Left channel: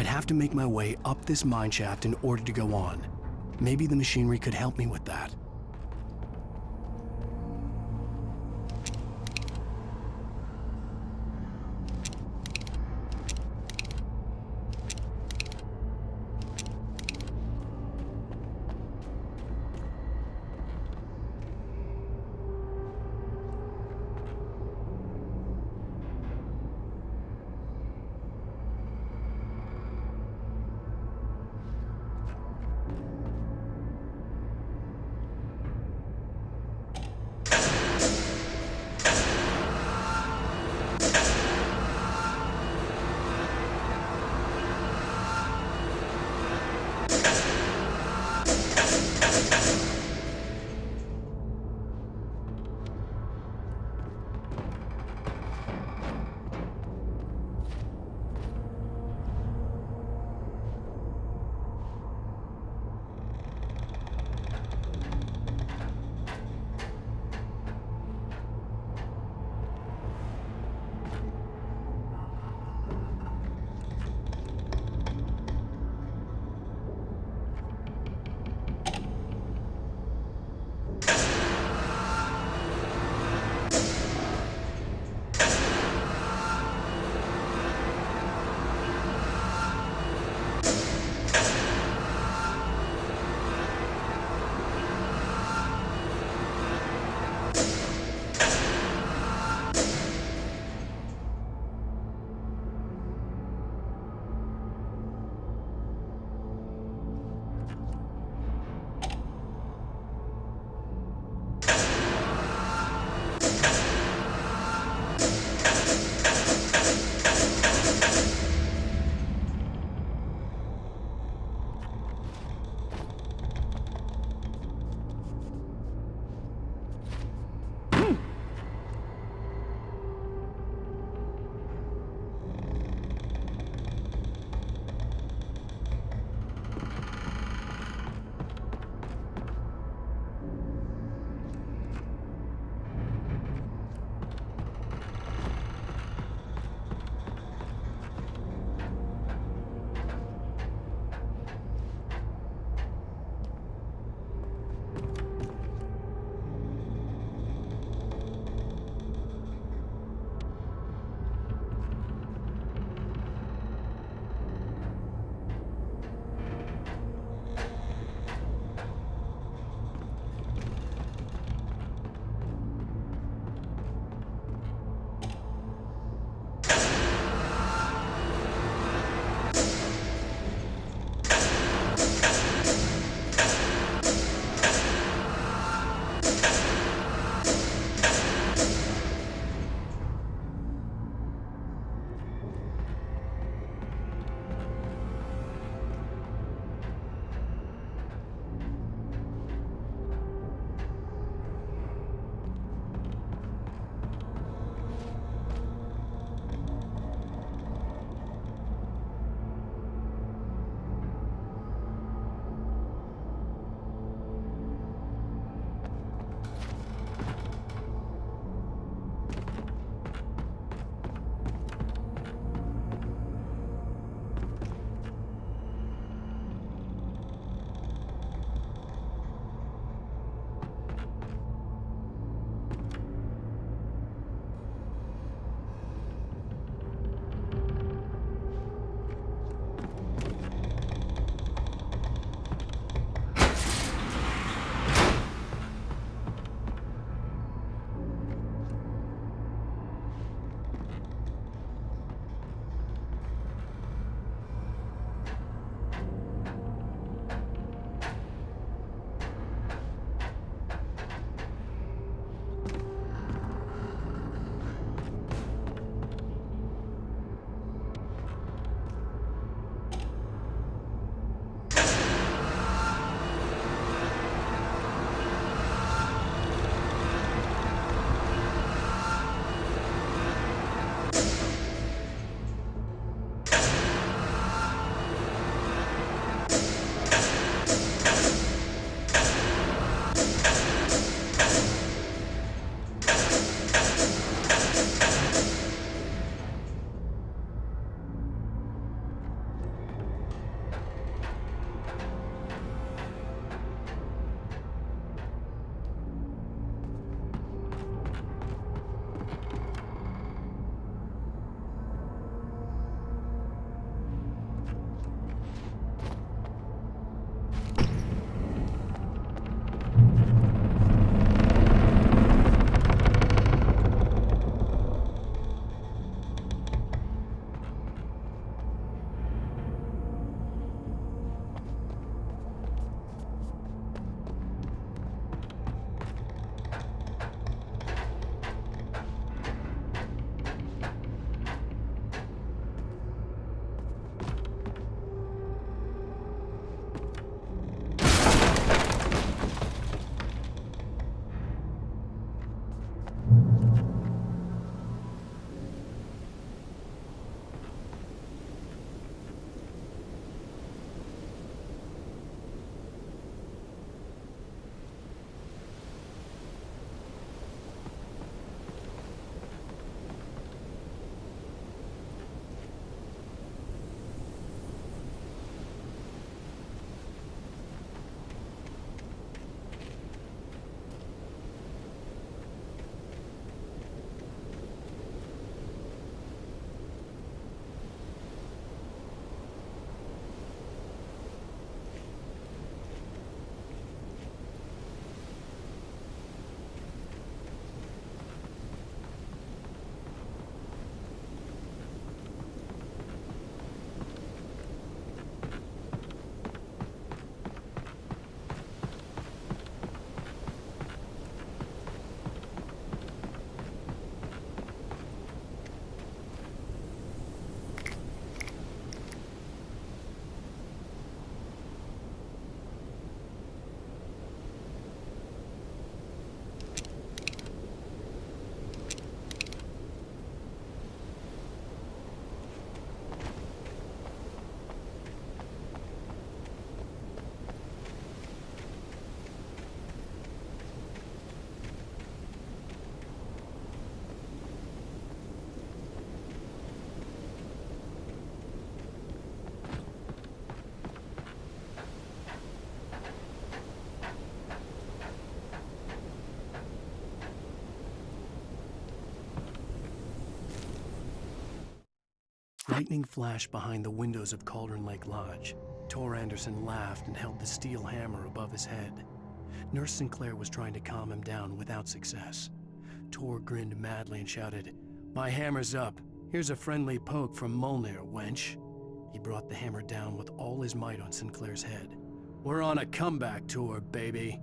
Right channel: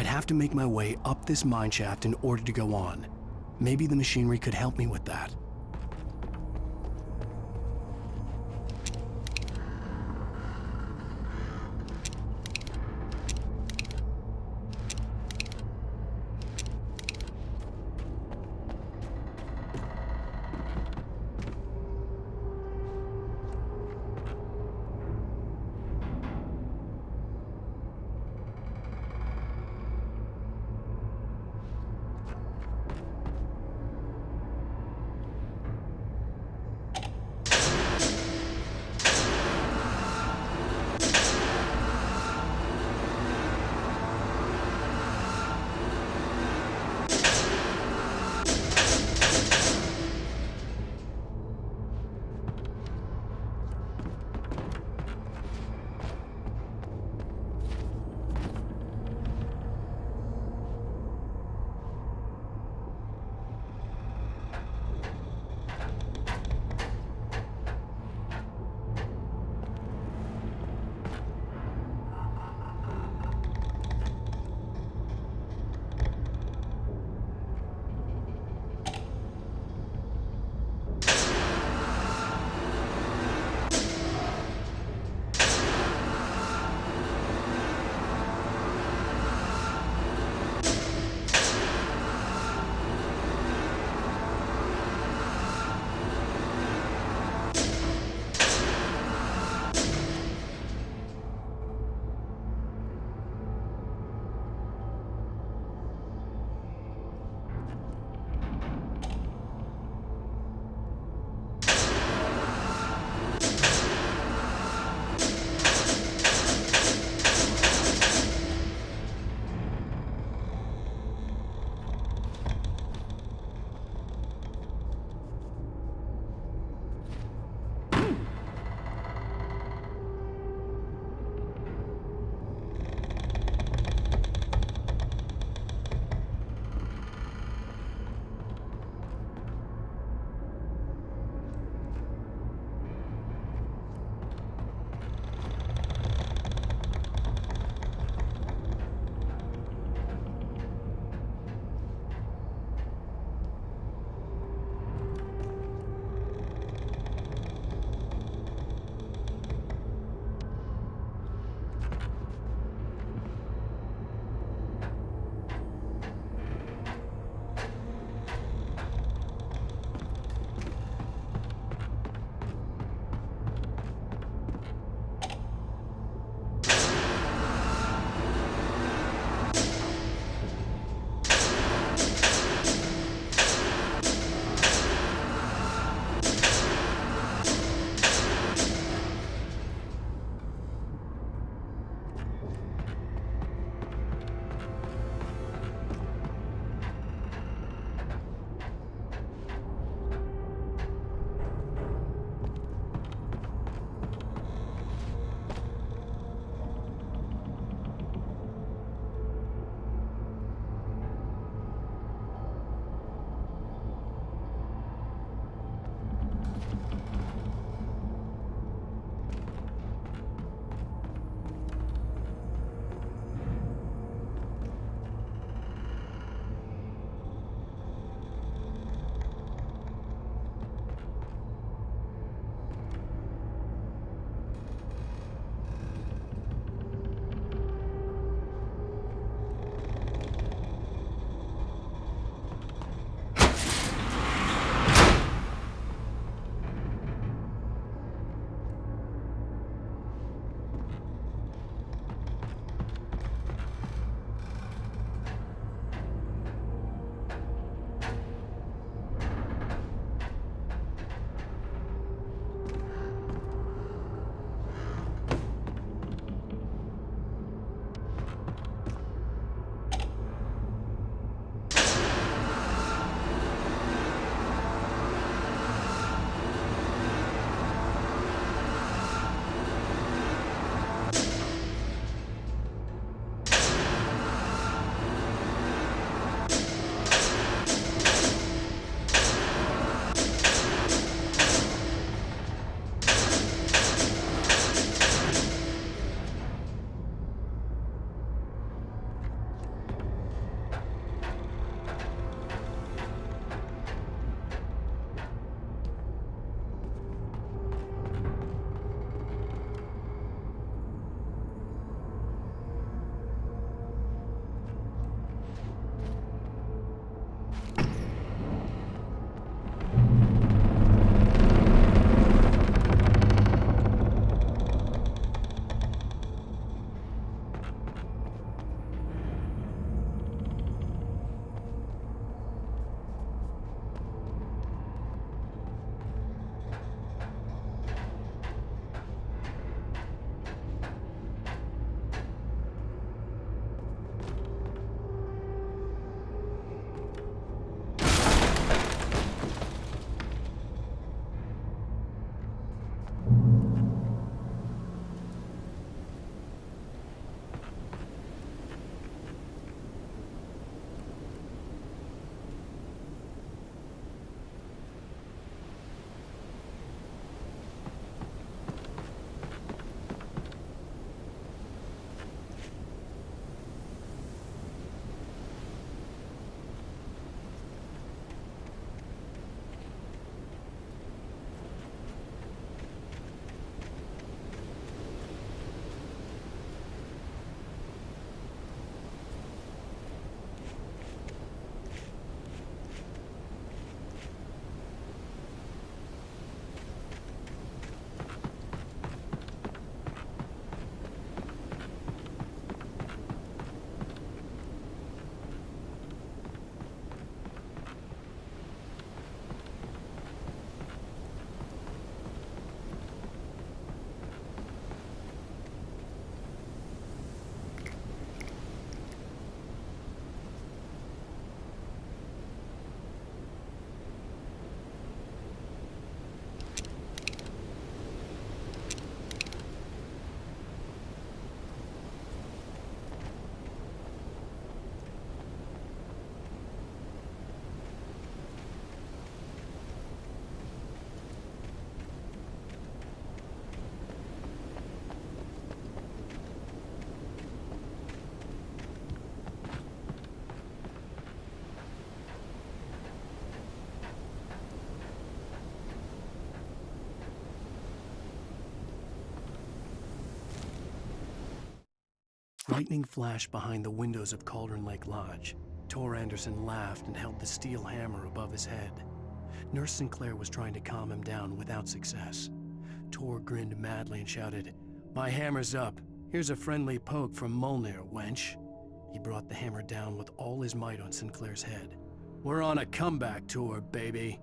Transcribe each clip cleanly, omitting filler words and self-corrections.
I'd have to make my way up this mine shaft in order to go on. Maybe the machinery could help me with that. Lightning flashed behind the windows of Cauldron Lake Lodge. Tor Anderson laughed and held the steel hammer above his head. Nurse Sinclair was trying to calm him down without success. Tor grinned madly and shouted, "My hammer's up. Here's a friendly poke from Molnir, wench." He brought the hammer down with all his might on Sinclair's head. "We're on a comeback tour, baby."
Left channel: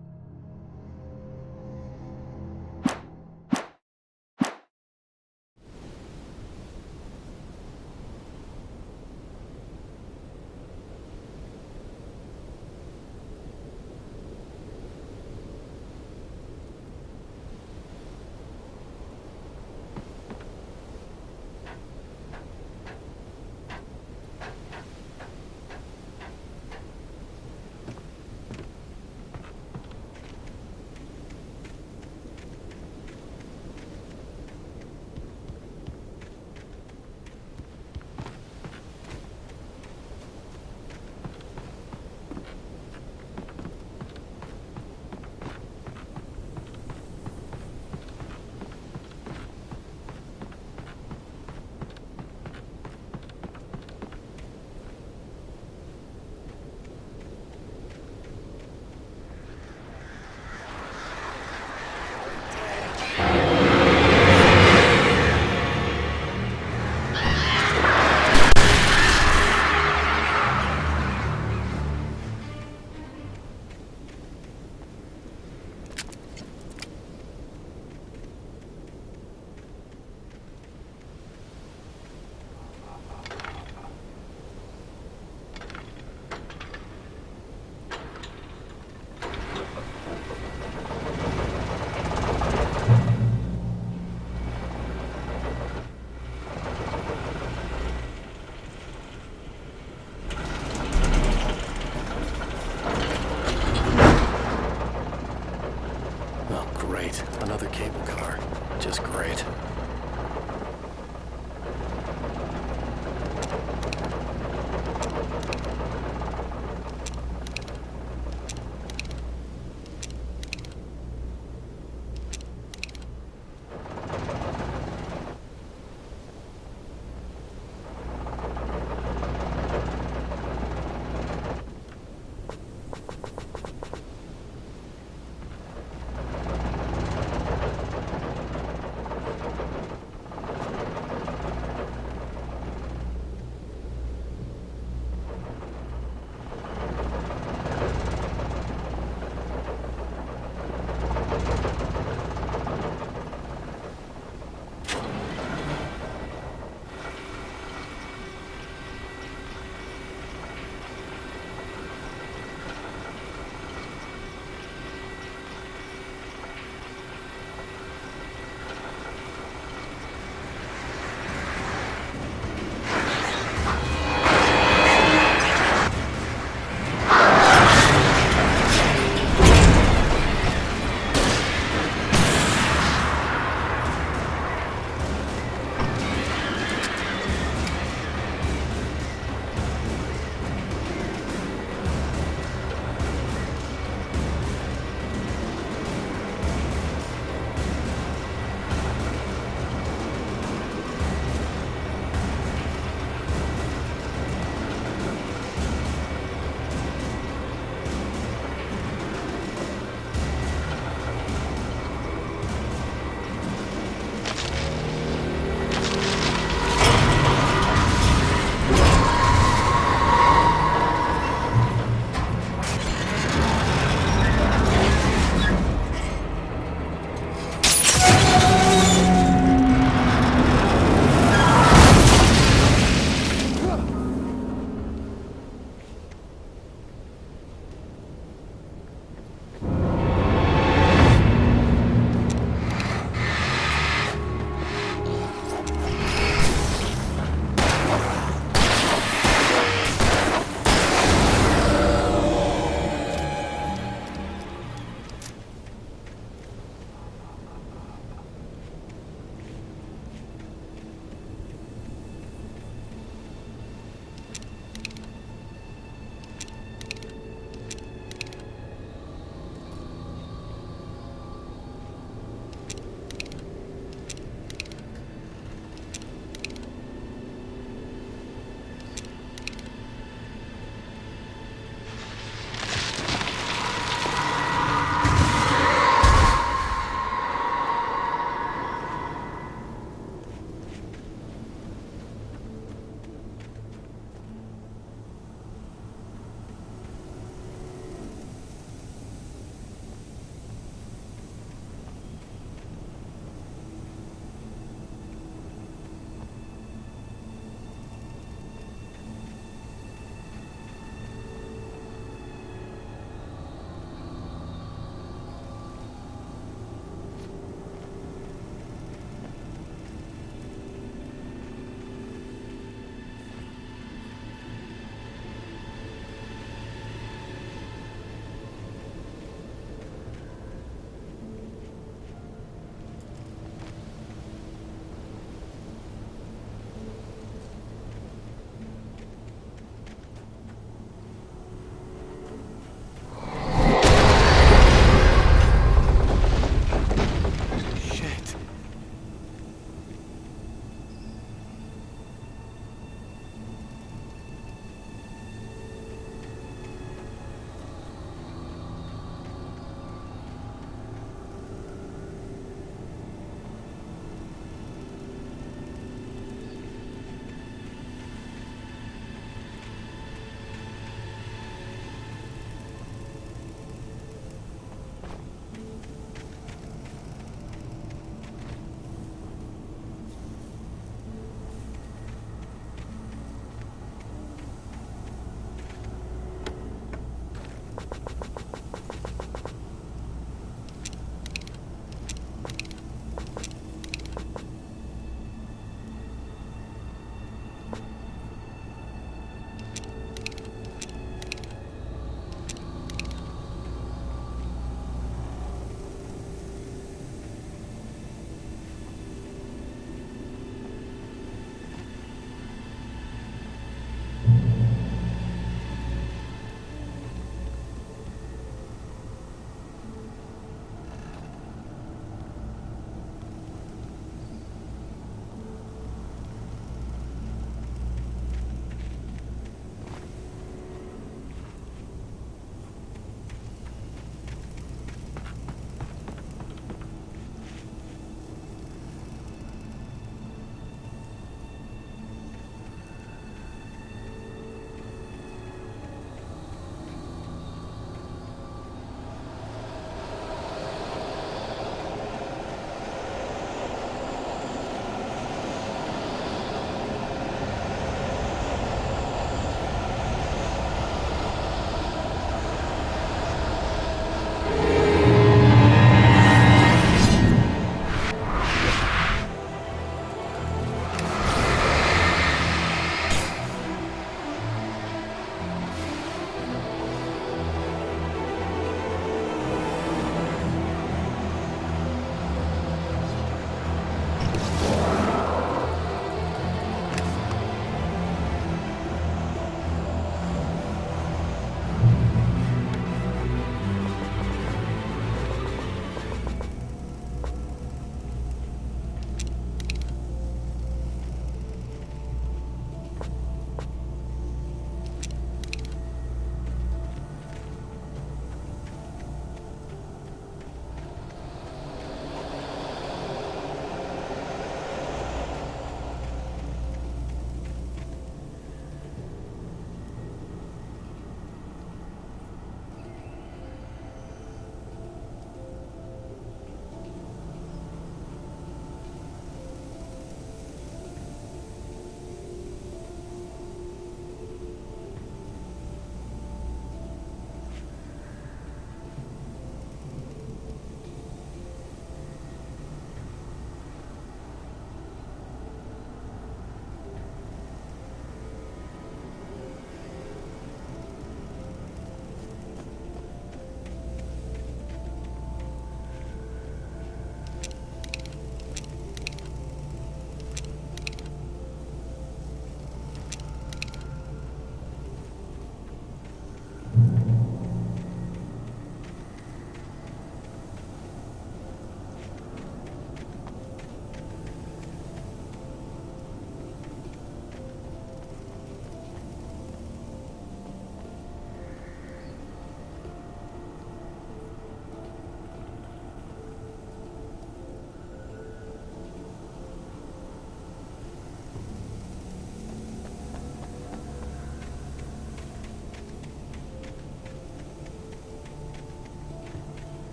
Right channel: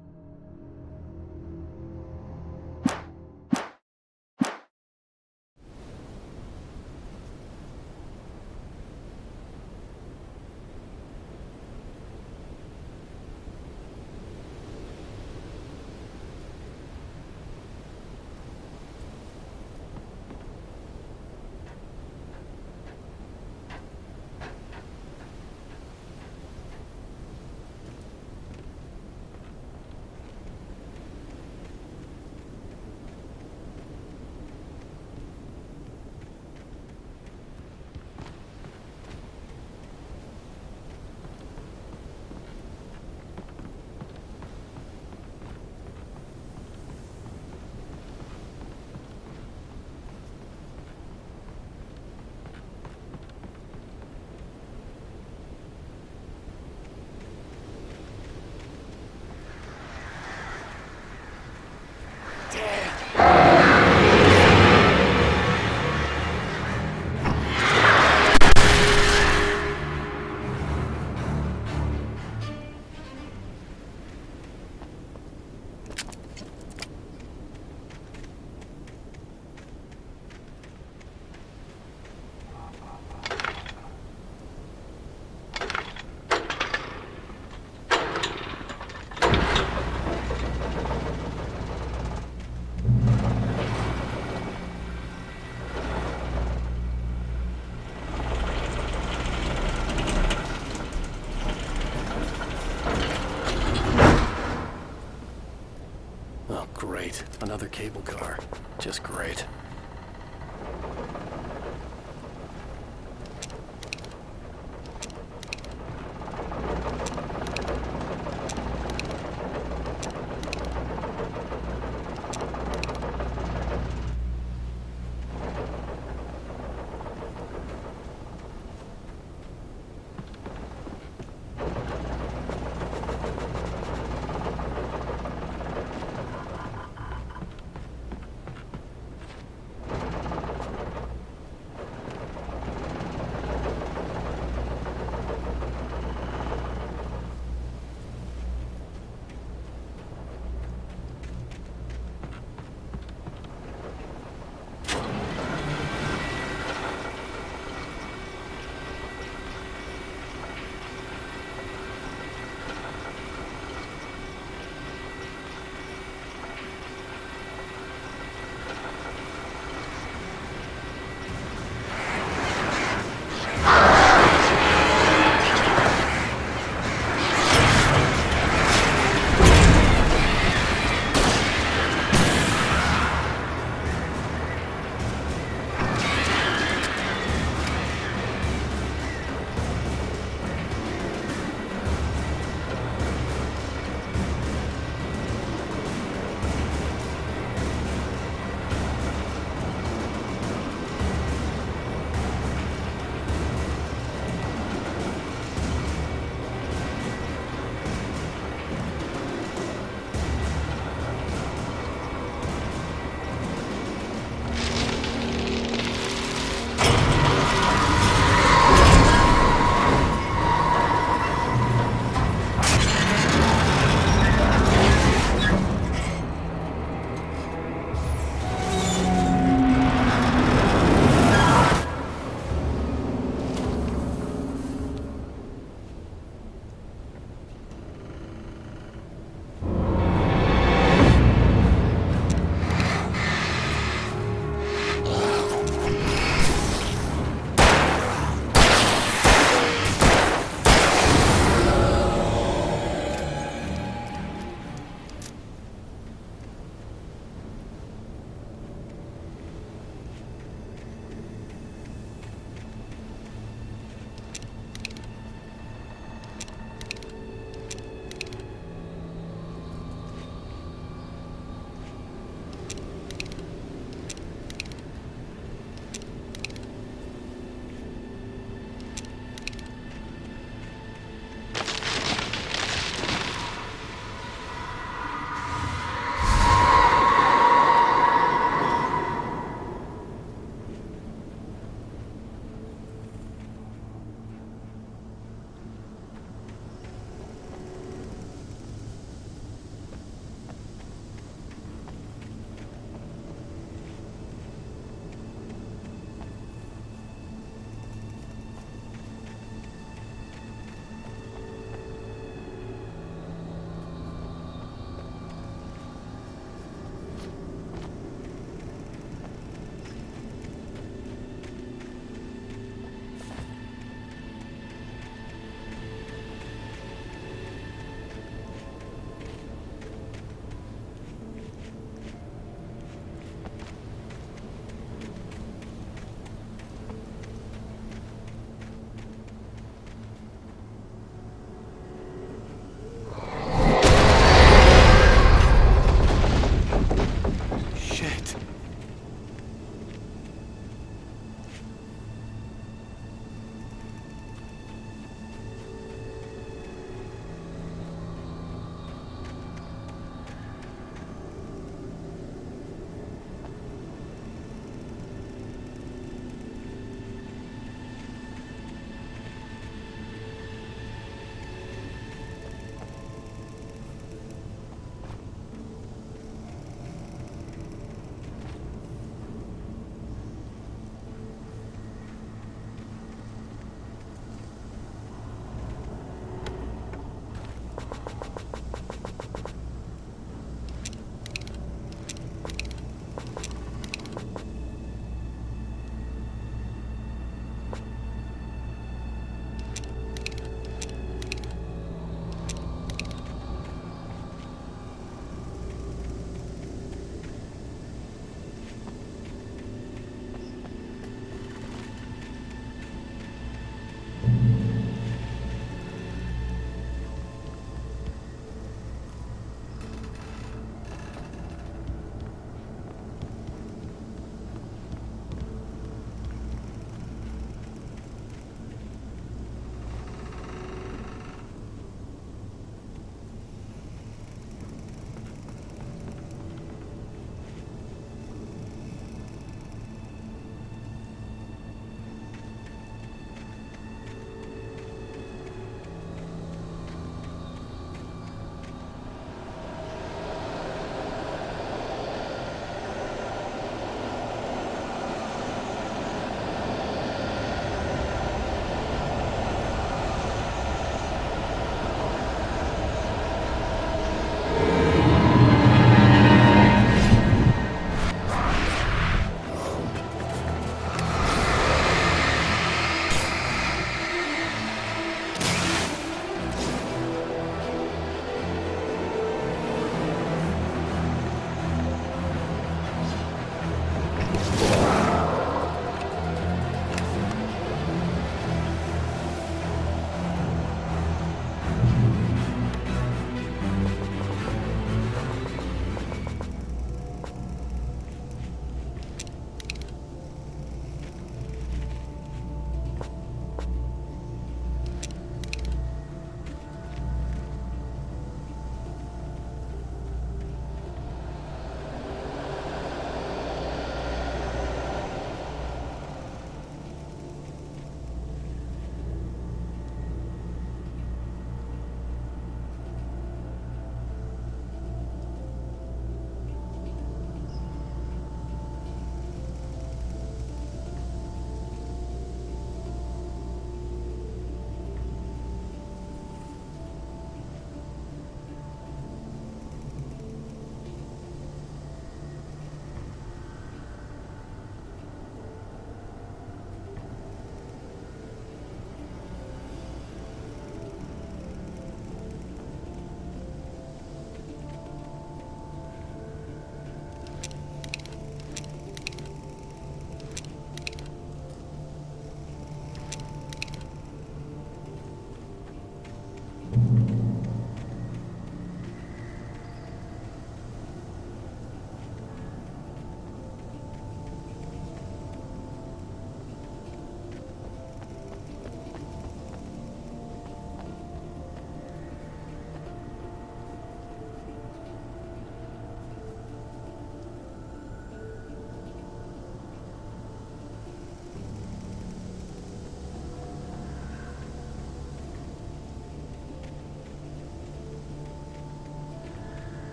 Great. Another cable car. Just great.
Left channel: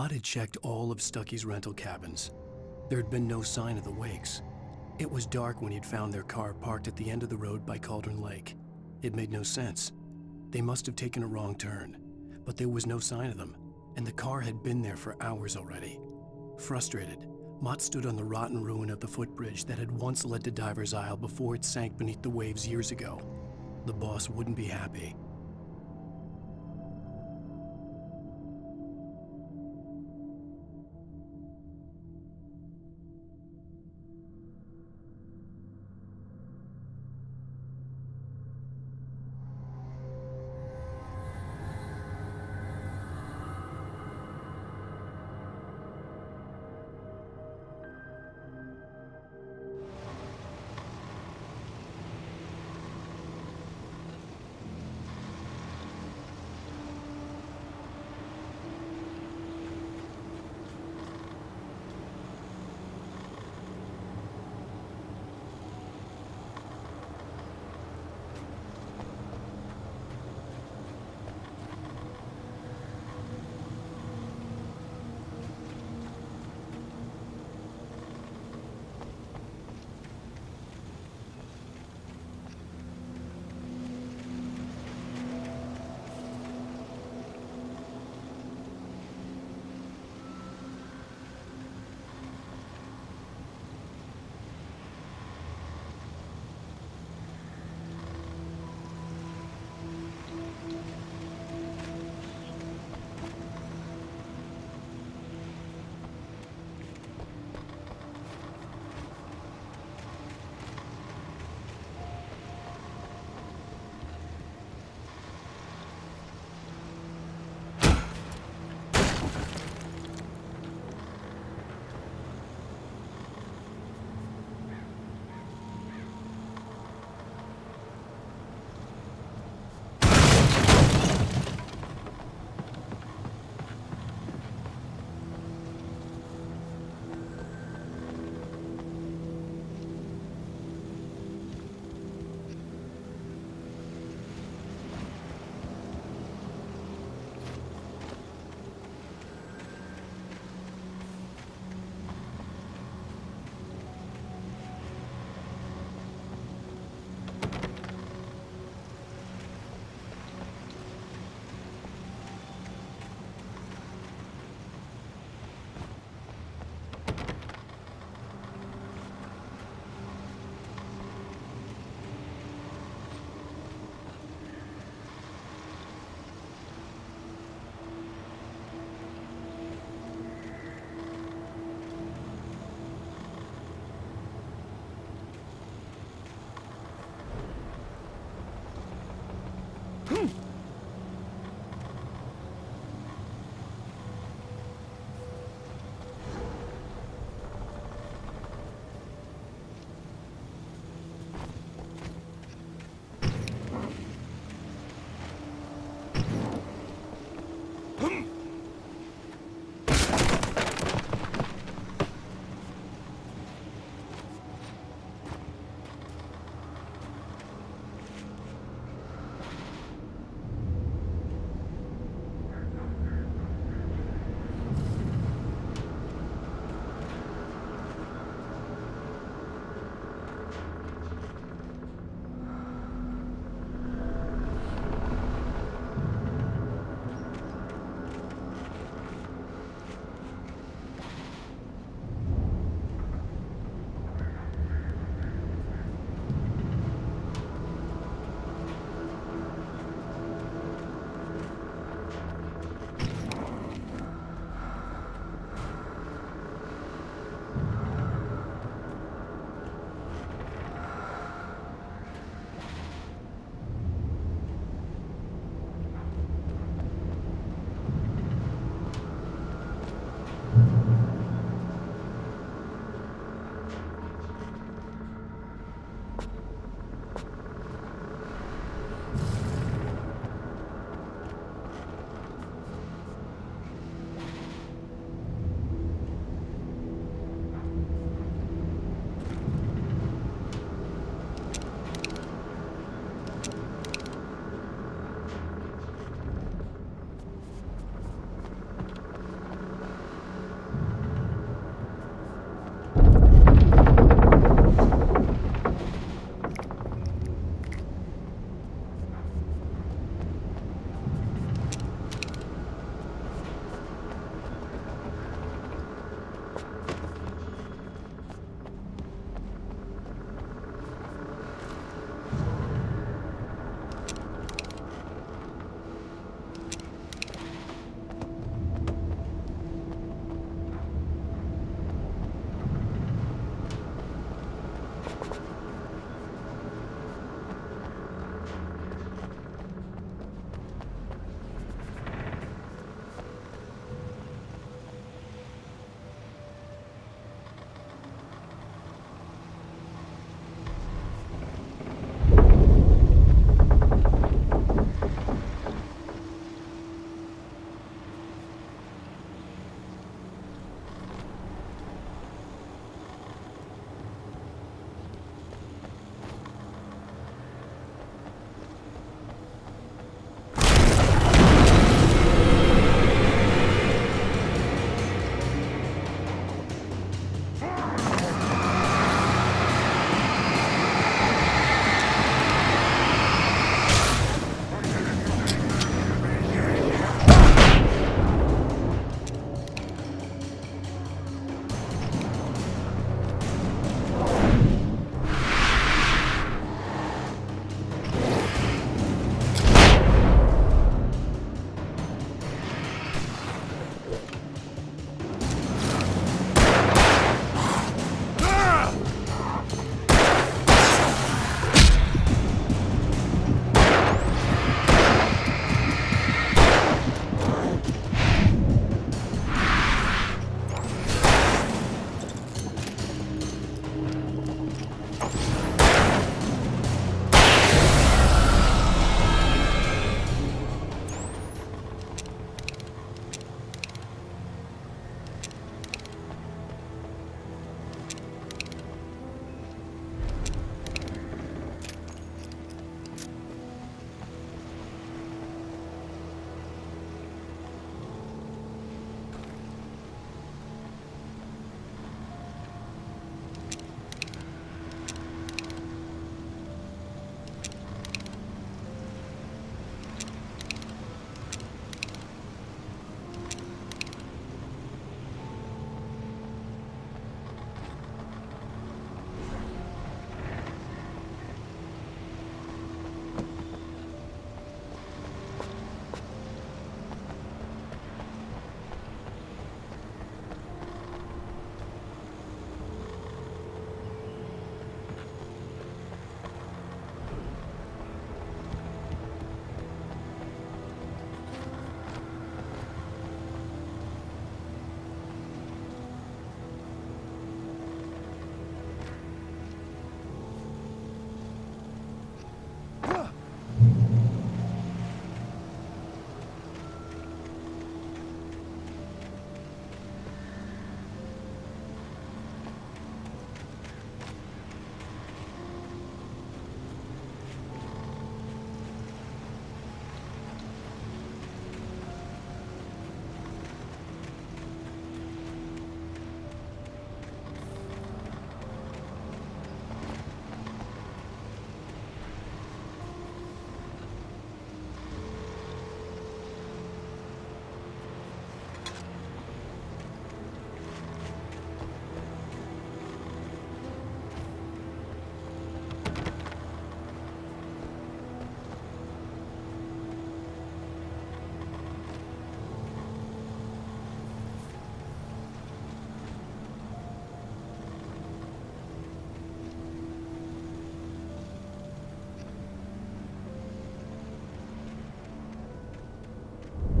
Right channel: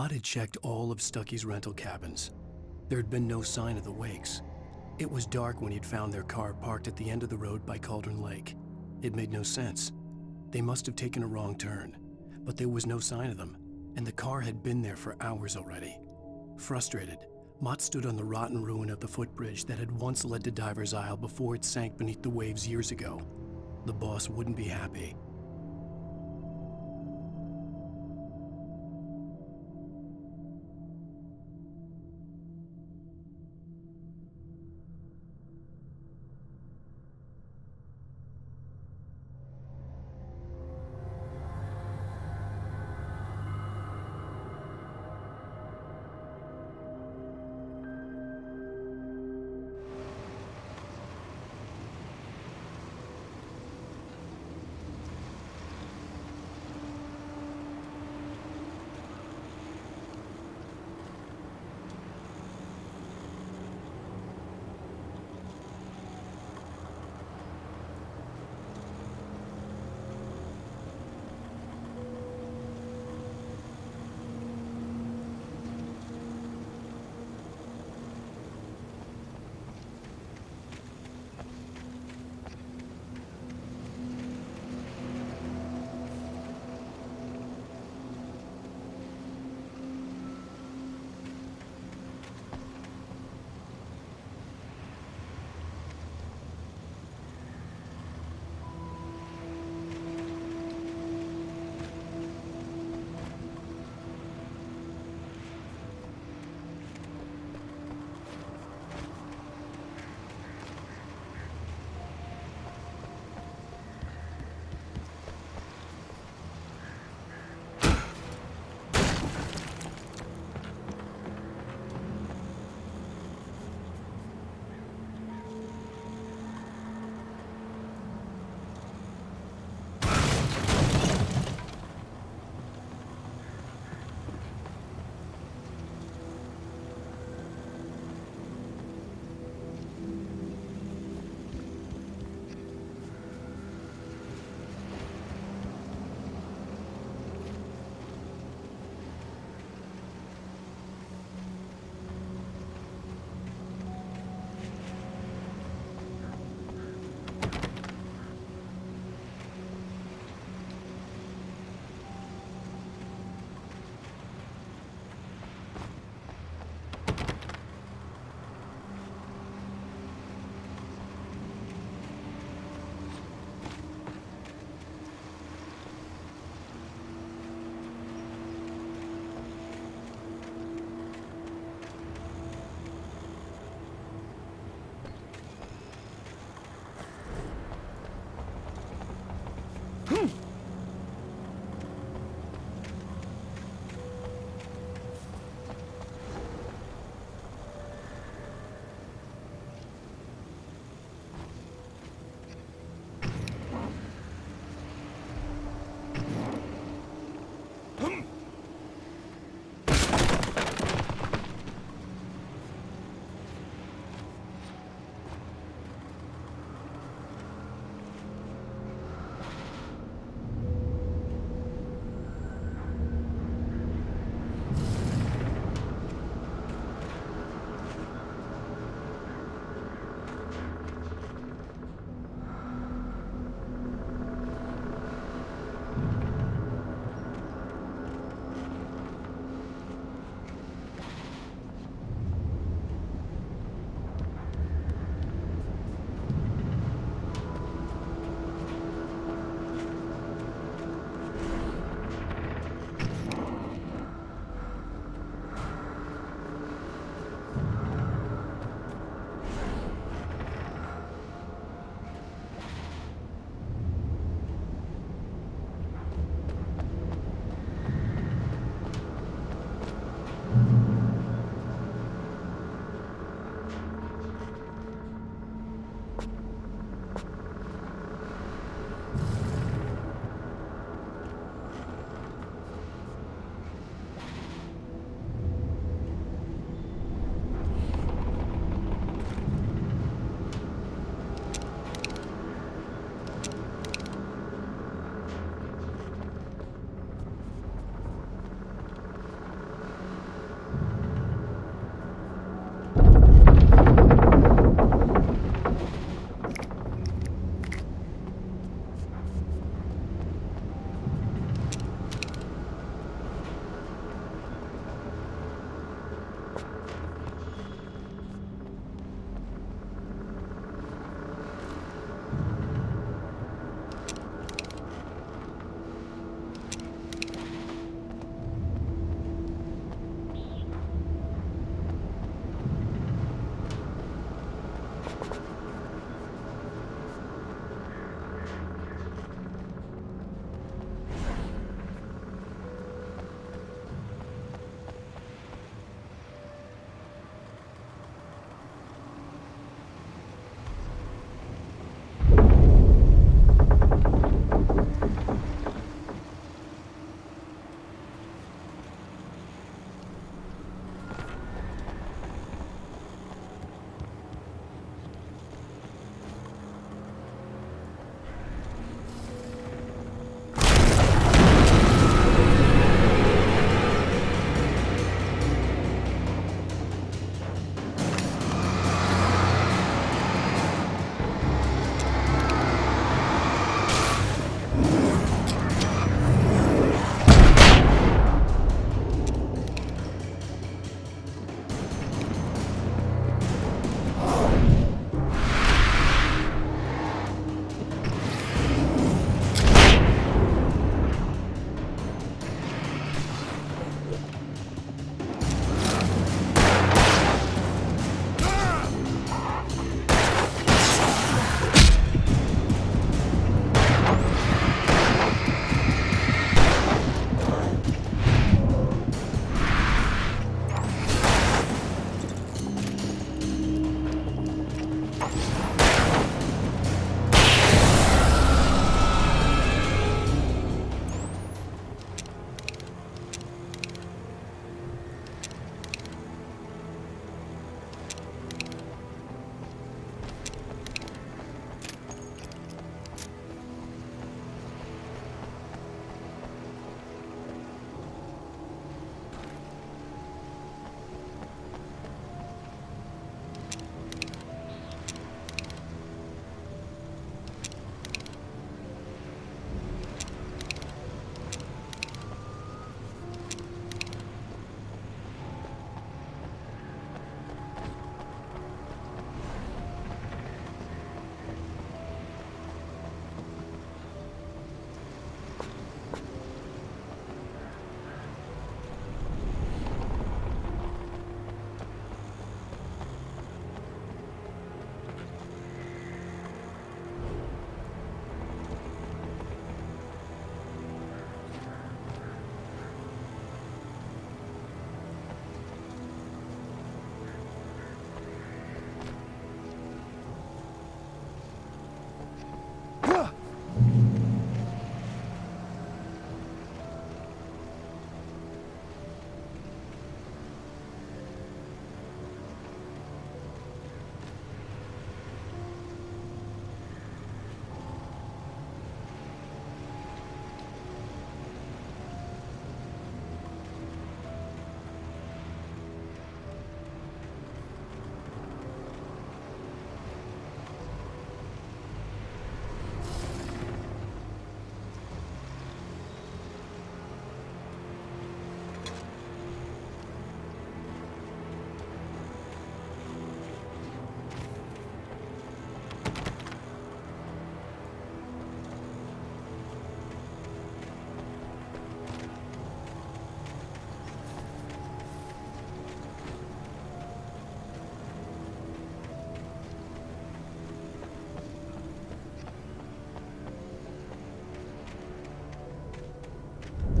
Mott had checked all of Stucky's rental cabins. There had been no sign of the Wakes. It was dark when he'd found their car parked at the end of the road by Cauldron Lake. It made no sense. They must have taken a wrong turn, but there was no sign of them, and the car had been there for hours already. Frustrated, Mott stood on the rotten ruin of the footbridge that had once led to Diver's Isle before it sank beneath the waves years ago. The boss wouldn't be happy.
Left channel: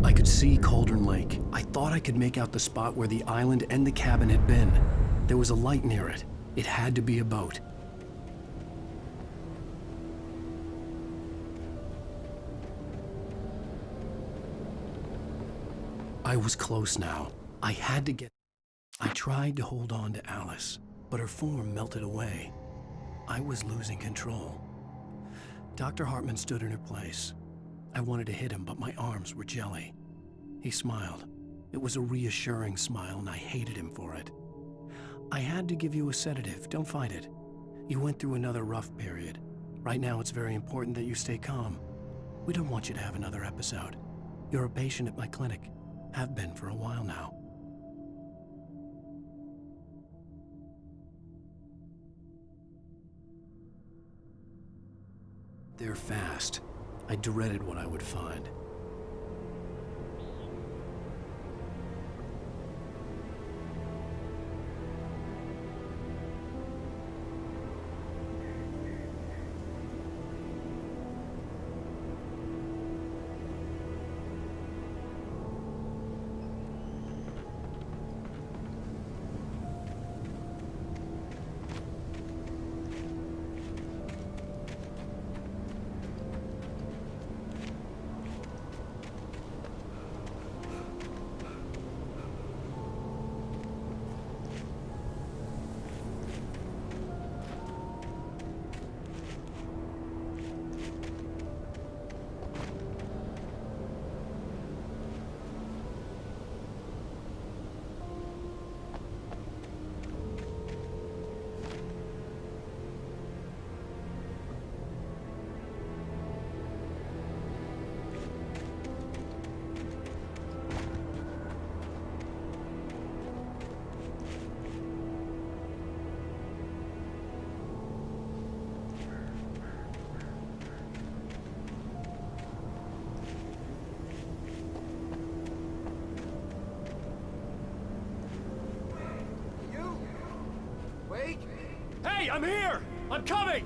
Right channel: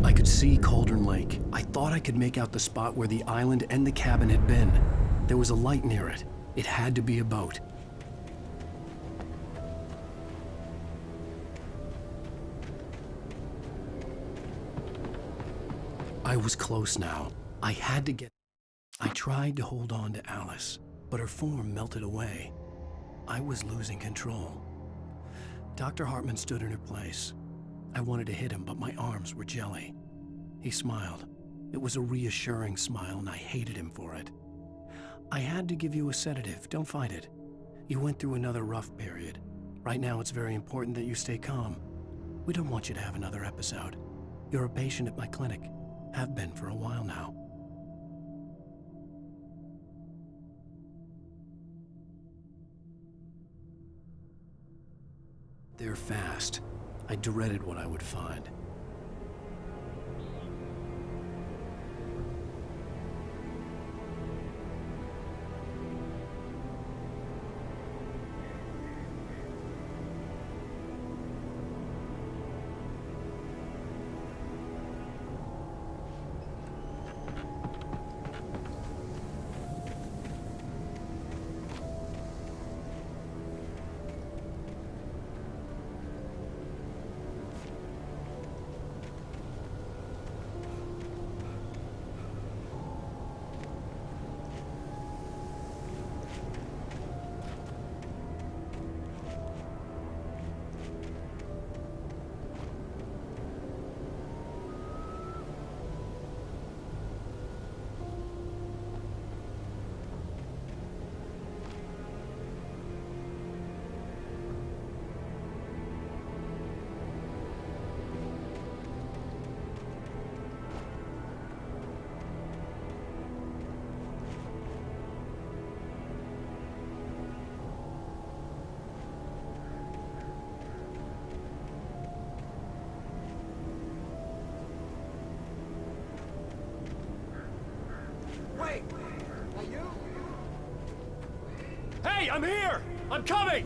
I could see Cauldron Lake. I thought I could make out the spot where the island and the cabin had been. There was a light near it. It had to be a boat. I was close now. I had to get... I tried to hold on to Alice, but her form melted away. I was losing control. Dr. Hartman stood in her place. I wanted to hit him, but my arms were jelly. He smiled. It was a reassuring smile, and I hated him for it. I had to give you a sedative. Don't fight it. You went through another rough period. Right now, it's very important that you stay calm. We don't want you to have another episode. You're a patient at my clinic. Have been for a while now. They're fast. I dreaded what I would find. Hey, I'm here! I'm coming!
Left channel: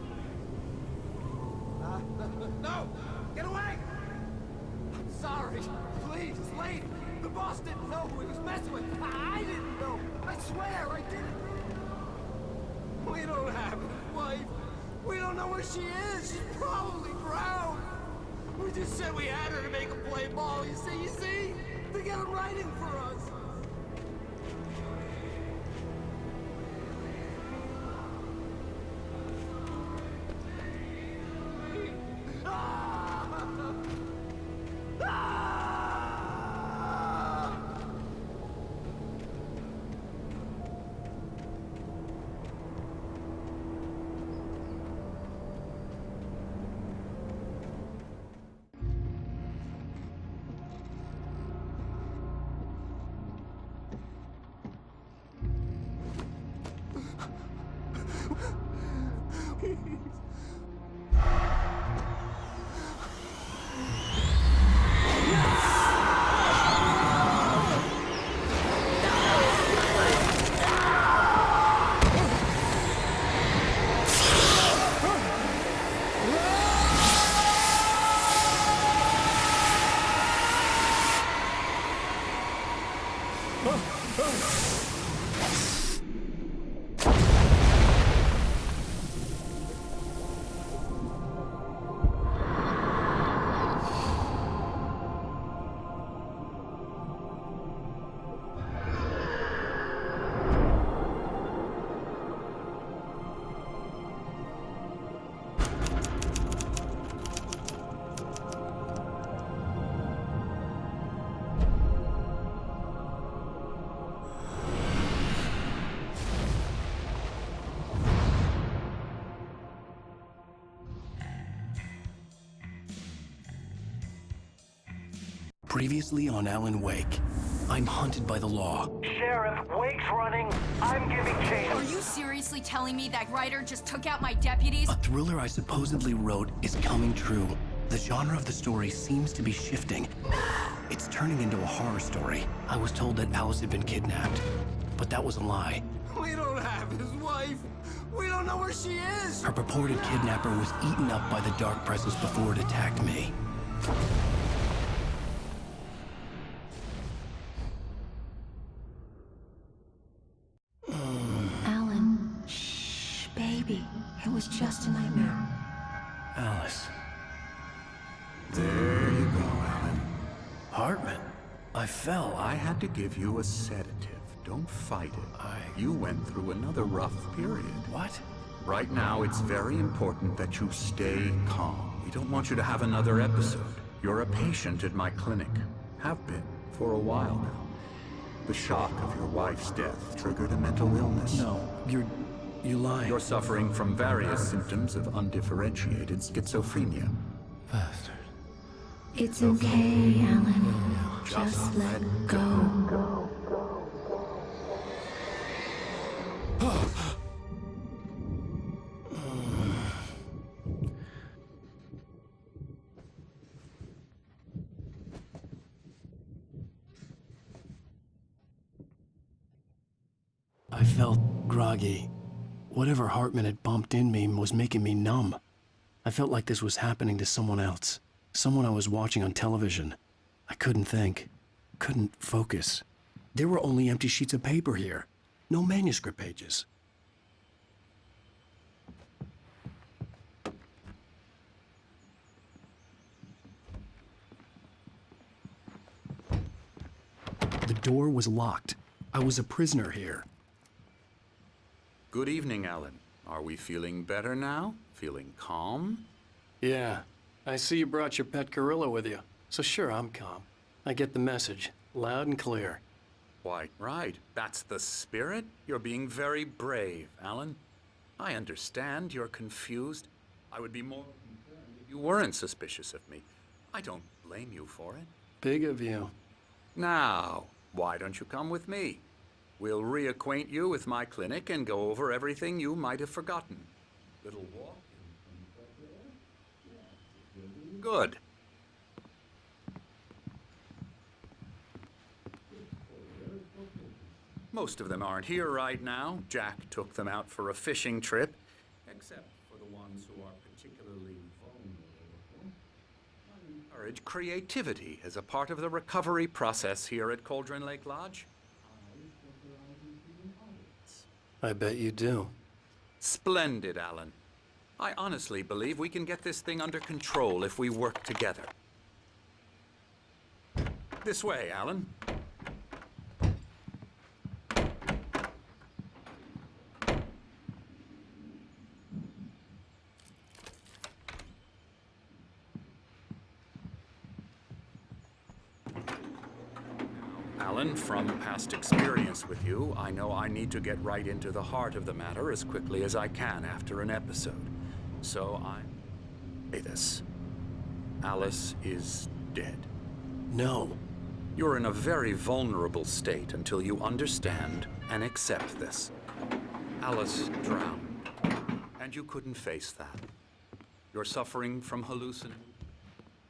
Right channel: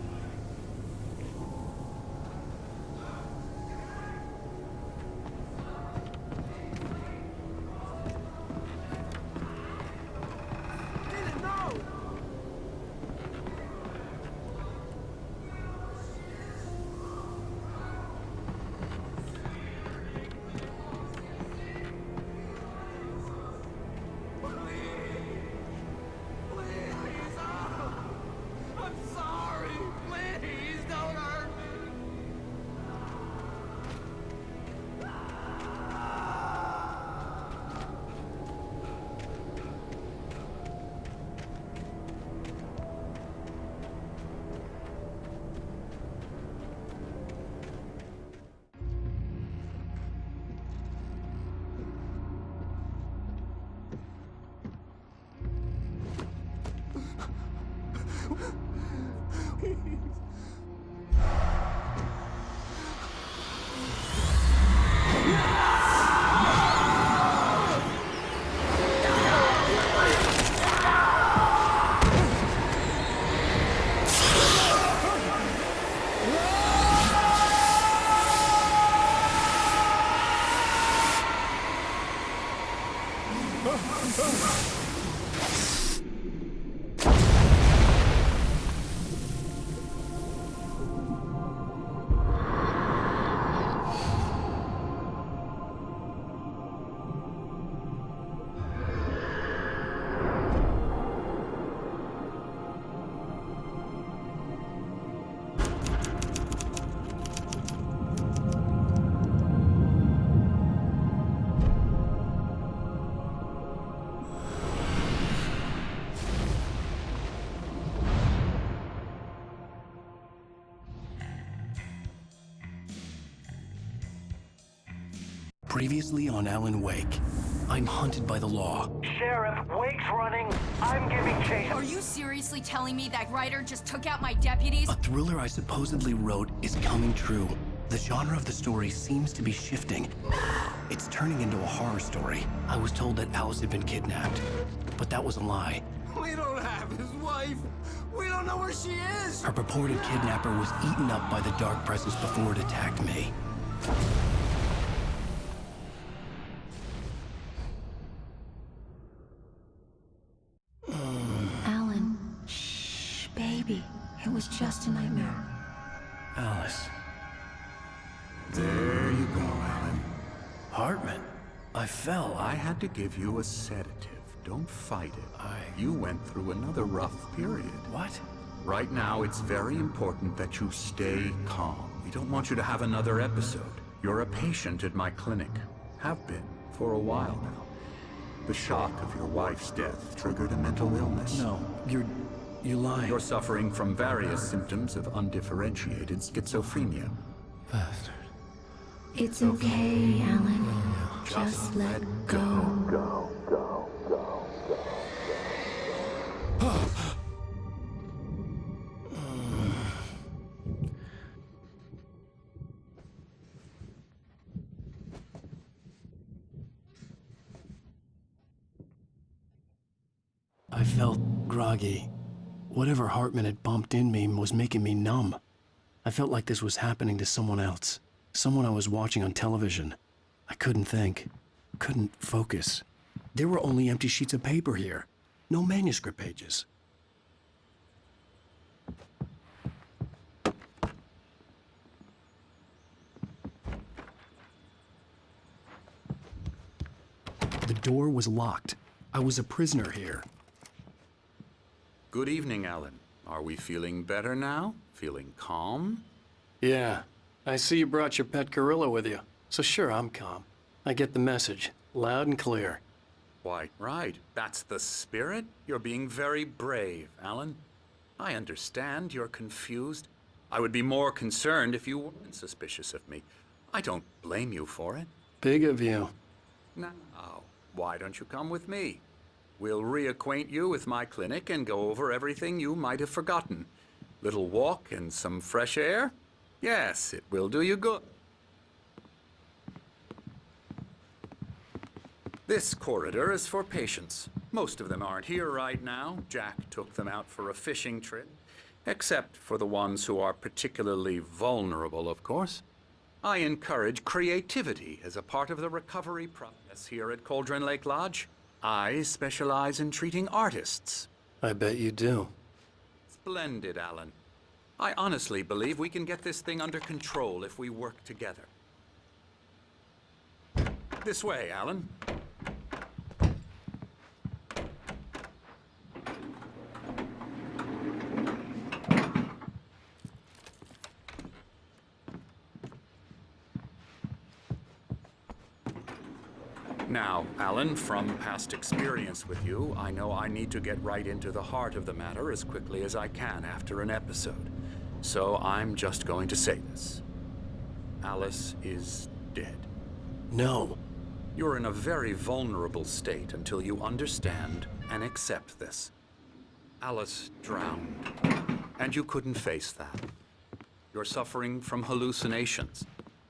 No! Get away! Sorry. Please, leave. The boss didn't know who he was messing with. I didn't know. I swear, I didn't know. We don't have a wife. where she is. She's probably drowned. We just said we had her to make her play ball. You see? They got it right in for us. Please, I'm sorry. Please don't hurt me. Previously on Alan Wake, I'm hunted by the law. Sheriff, Wake's running. I'm giving chase. Are you seriously telling me that writer just took out my deputies? A thriller I supposedly wrote is coming true. The genre of the story seems to be shifting. It's turning into a horror story. I was told that Alice had been kidnapped, but that was a lie. We don't have his wife. We don't know where she is. Her purported kidnapper was eaten up by the dark presence before it attacked me. Alan, shh, baby. It was just a nightmare. Alice. There you go, Alan. Hartman. I fell. I had to give you a sedative. Don't fight it. You went through another rough period. What? Right now, it's very important that you stay calm. We don't want you to have another episode. You're a patient at my clinic. Have been for a while now. The shock of your wife's death triggered a mental illness. No, you lied. You're suffering from various symptoms of undifferentiated schizophrenia. Bastard. It's okay, Alan. Just let go. I felt groggy. Whatever Hartman had bumped in me was making me numb. I felt like this was happening to someone else. Someone I was watching on television. I couldn't think. Couldn't focus. There were only empty sheets of paper here. No manuscript pages. The door was locked. I was a prisoner here. Good evening, Alan. Are we feeling better now? Feeling calm? Yeah. I see you brought your pet gorilla with you. So sure, I'm calm. I get the message. Loud and clear. Quite right. That's the spirit. You're being very brave, Alan. I understand you're confused. I would be more concerned if you weren't suspicious of me. I don't blame you for it. Big of you. Now, why don't you come with me? We'll reacquaint you with my clinic and go over everything you might have forgotten. Little walk and some fresh air? Yes, it will do you good. This corridor is for patients. Most of them aren't here right now. Jack took them out for a fishing trip, except for the ones who are particularly vulnerable, of course. I encourage creativity as a part of the recovery process here at Cauldron Lake Lodge. I specialize in treating artists. I bet you do. Splendid, Alan. I honestly believe we can get this thing under control if we work together. This way, Alan. Now, Alan, from past experience with you, I know I need to get right into the heart of the matter as quickly as I can after an episode. So I'm just going to say this. Alice is dead. No. You're in a very vulnerable state until you understand and accept this. Alice drowned, and you couldn't face that. You're suffering from hallucinations,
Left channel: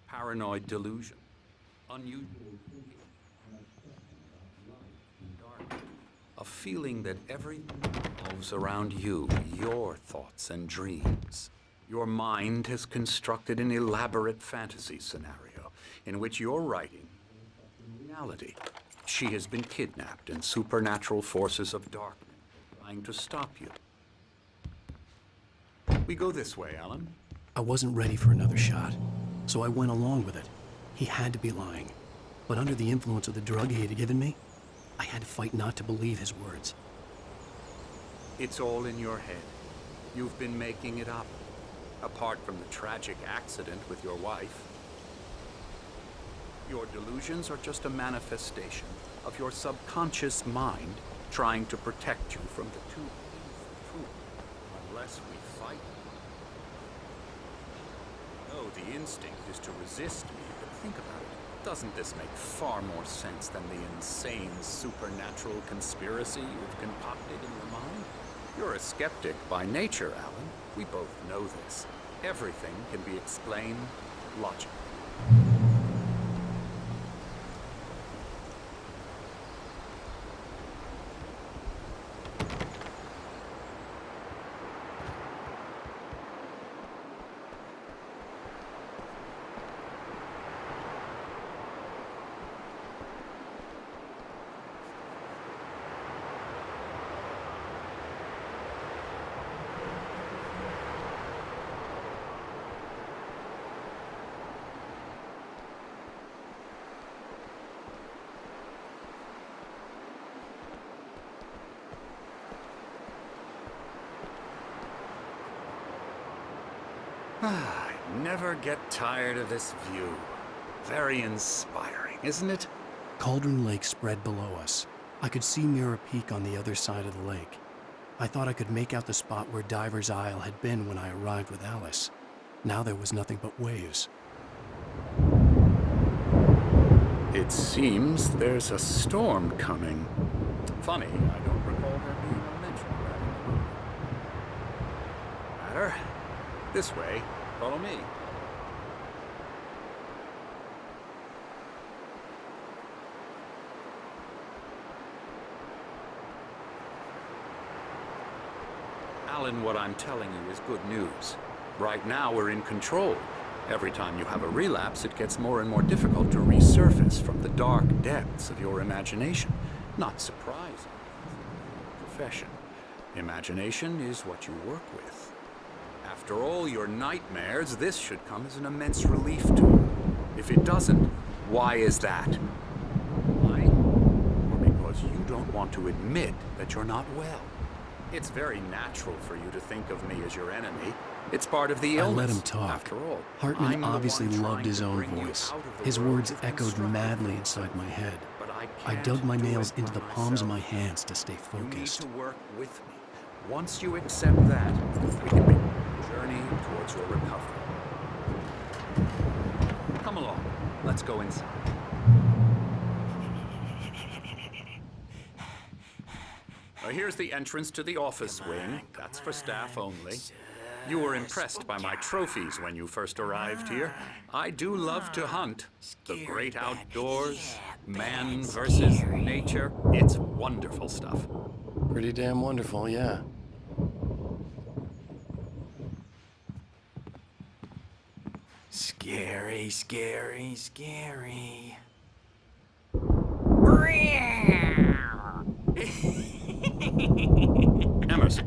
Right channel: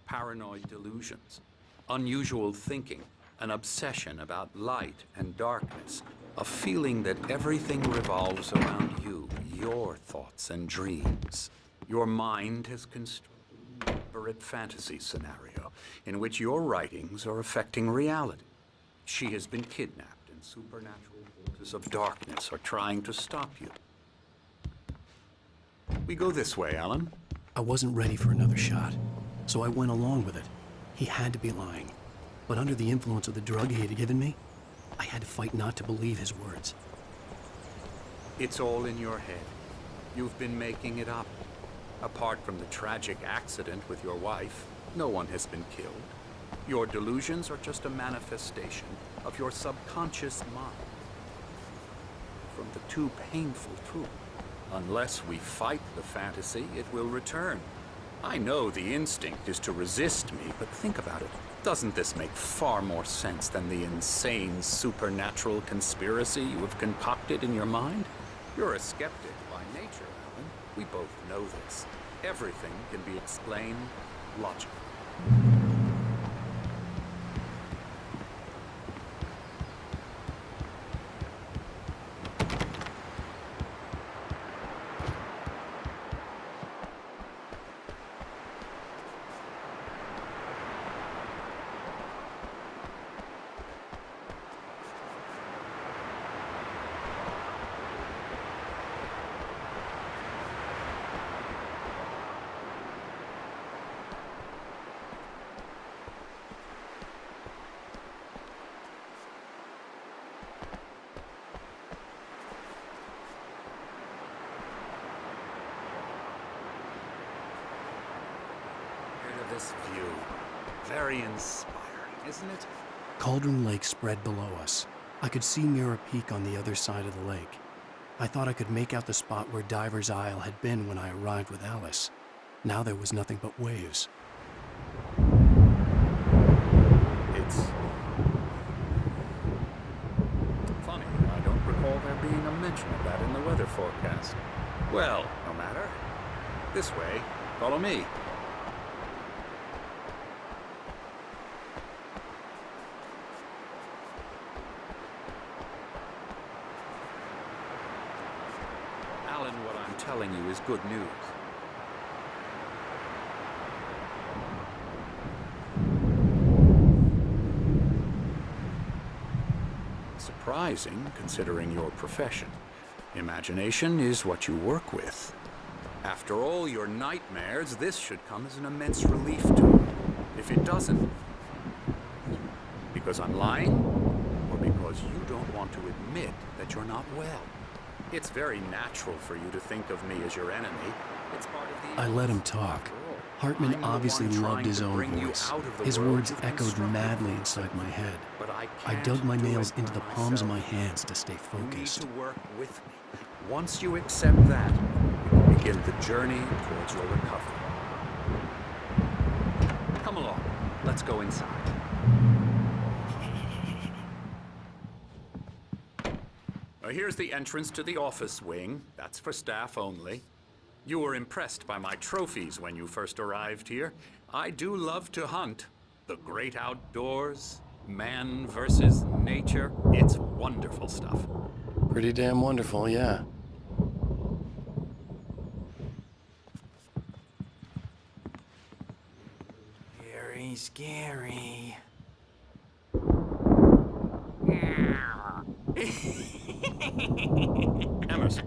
paranoid delusions, unusual thinking, an obsession about light and darkness, a feeling that everything revolves around you, your thoughts and dreams. Your mind has constructed an elaborate fantasy scenario in which your writings are affecting reality. She has been kidnapped, and supernatural forces of darkness are trying to stop you. We go this way, Alan. I wasn't ready for another shot, so I went along with it. He had to be lying. But under the influence of the drug he had given me, I had to fight not to believe his words. It's all in your head. You've been making it up. Apart from the tragic accident with your wife, no one has been killed. Your delusions are just a manifestation of your subconscious mind trying to protect you from the too painful truth. Unless we fight the fantasy, it will return. I know the instinct is to resist me, but think about it. Doesn't this make far more sense than the insane supernatural conspiracy you have concocted in your mind? You're a skeptic by nature, Alan. We both know this. Everything can be explained logically. I never get tired of this view. Very inspiring, isn't it? Cauldron Lake spread below us. I could see Mirror Peak on the other side of the lake. I thought I could make out the spot where Diver's Isle had been when I arrived with Alice. Now there was nothing but waves. It seems there's a storm coming. Funny, I don't recall there being a mention of that in the weather forecast. Well, no matter. This way. Follow me. Alan, what I'm telling you is good news. Right now, we're in control. Every time you have a relapse, it gets more and more difficult to resurface from the dark depths of your imagination. Not surprising, considering your profession. Imagination is what you work with. After all your nightmares, this should come as an immense relief to you. If it doesn't, why is that? Because I'm lying? Or because you don't want to admit that you're not well? It's very natural for you to think of me as your enemy. It's part of the illness. I let him talk. After all, Hartman I'm the obviously one loved trying his to own bring you voice. out of the His world words you've echoed constructed madly for inside yourself. my head. But I I dug can't my do nails it into by the palms of my myself. hands to stay You need focused. to work with me. Once you accept that, we can begin the journey towards your recovery. Come along. Let's go inside. Now, here's the entrance to the office wing. That's for staff only. You were impressed by my trophies when you first arrived here. I do love to hunt. The great outdoors, man versus nature. It's wonderful stuff. Pretty damn wonderful, yeah. Scary, scary, scary. Emerson.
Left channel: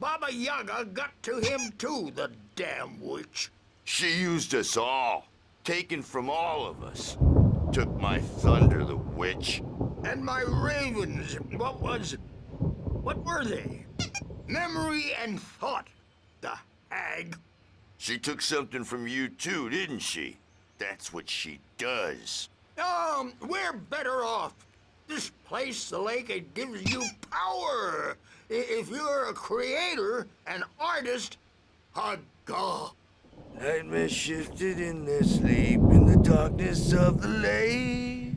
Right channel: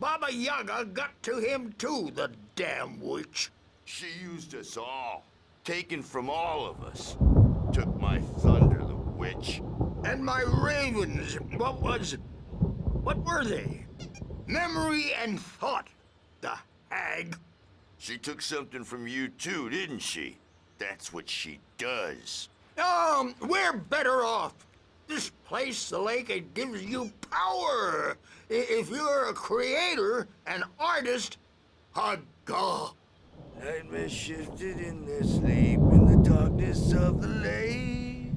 Baba Yaga got to him too, the damn witch. She used us all, taken from all of us. Took my thunder, the witch. And my ravens, what were they? Memory and thought, the hag. She took something from you too, didn't she? That's what she does. We're better off. This place, the lake, it gives you power. If you're a creator, an artist, a god. Nightmare shifted in their sleep in the darkness of the lake.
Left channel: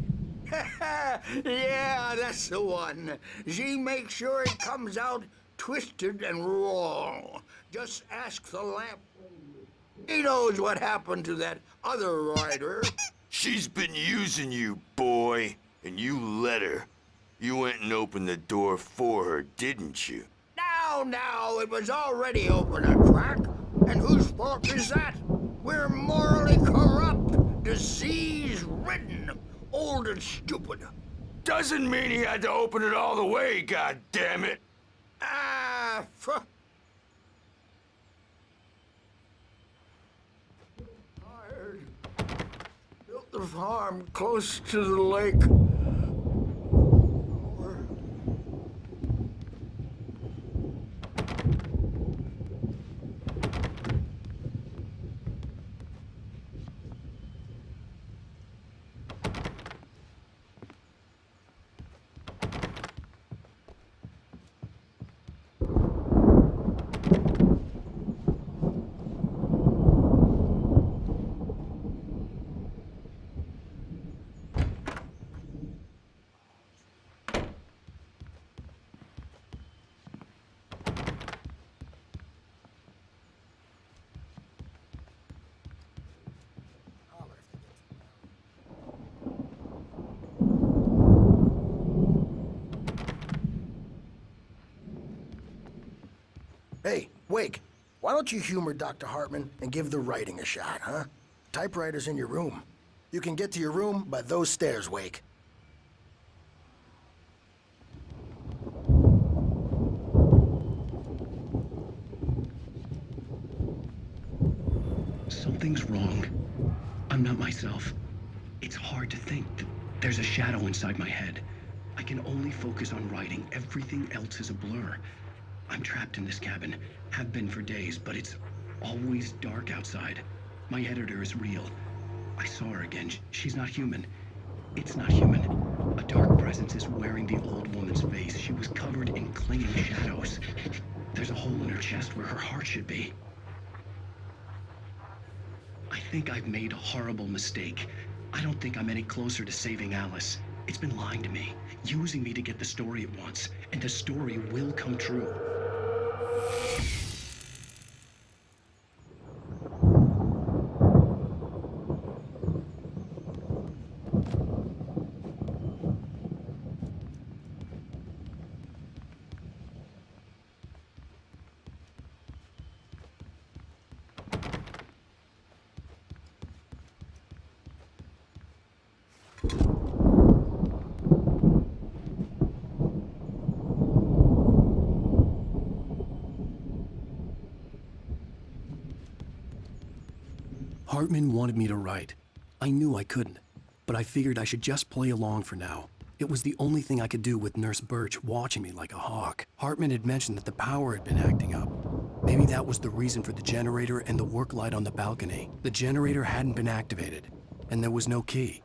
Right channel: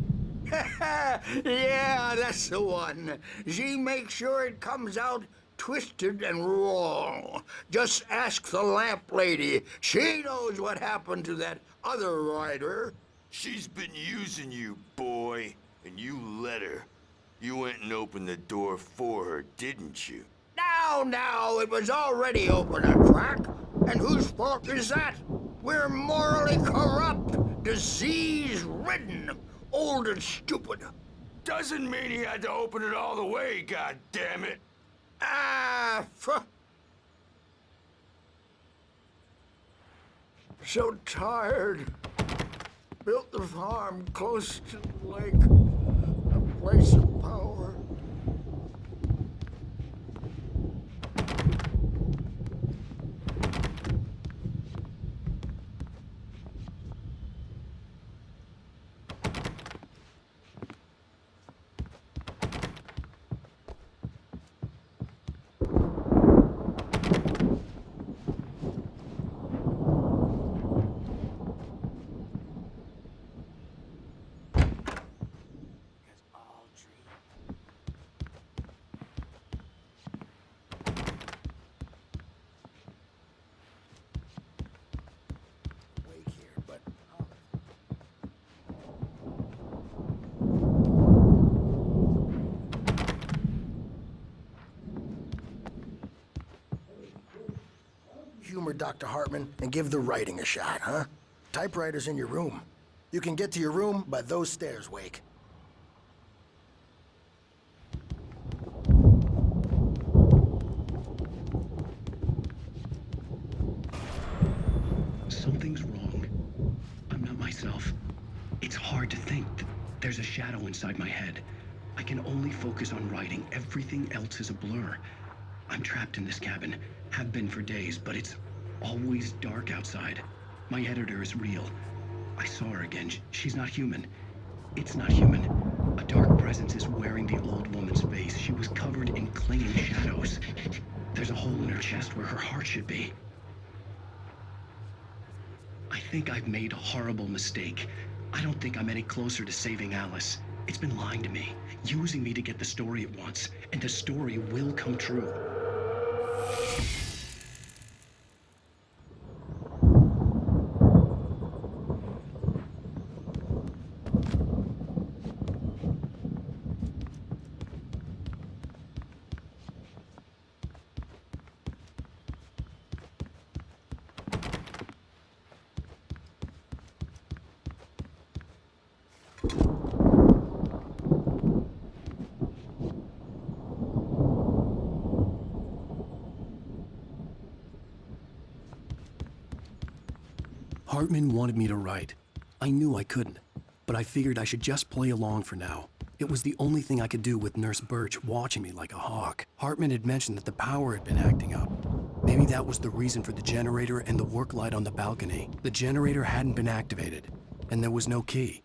Yeah, that's the one. She makes sure it comes out twisted and wrong. Just ask the lamp lady. She knows what happened to that other rider. She's been using you, boy, and you let her. You went and opened the door for her, didn't you? Now, it was already open a crack. And whose fault is that? We're morally corrupt, disease-ridden, old and stupid. Doesn't mean he had to open it all the way, goddammit. So tired. Built the farm close to the lake. A place of power. Hey, Wake, why don't you humor Dr. Hartman and give the writing a shot, huh? Typewriter's in your room. You can get to your room by those stairs, Wake. Something's wrong. I'm not myself. It's hard to think. There's a shadow inside my head. I can only focus on writing. Everything else is a blur. I'm trapped in this cabin. Have been for days, but it's always dark outside. My editor is real. I saw her again. She's not human. It's not human. A dark presence is wearing the old woman's face. She was covered in clinging shadows. There's a hole in her chest where her heart should be. I think I've made a horrible mistake. I don't think I'm any closer to saving Alice. It's been lying to me, using me to get the story it wants, and the story will come true. Hartman wanted me to write. I knew I couldn't, but I figured I should just play along for now. It was the only thing I could do with Nurse Birch watching me like a hawk. Hartman had mentioned that the power had been acting up. Maybe that was the reason for the generator and the work light on the balcony. The generator hadn't been activated, and there was no key.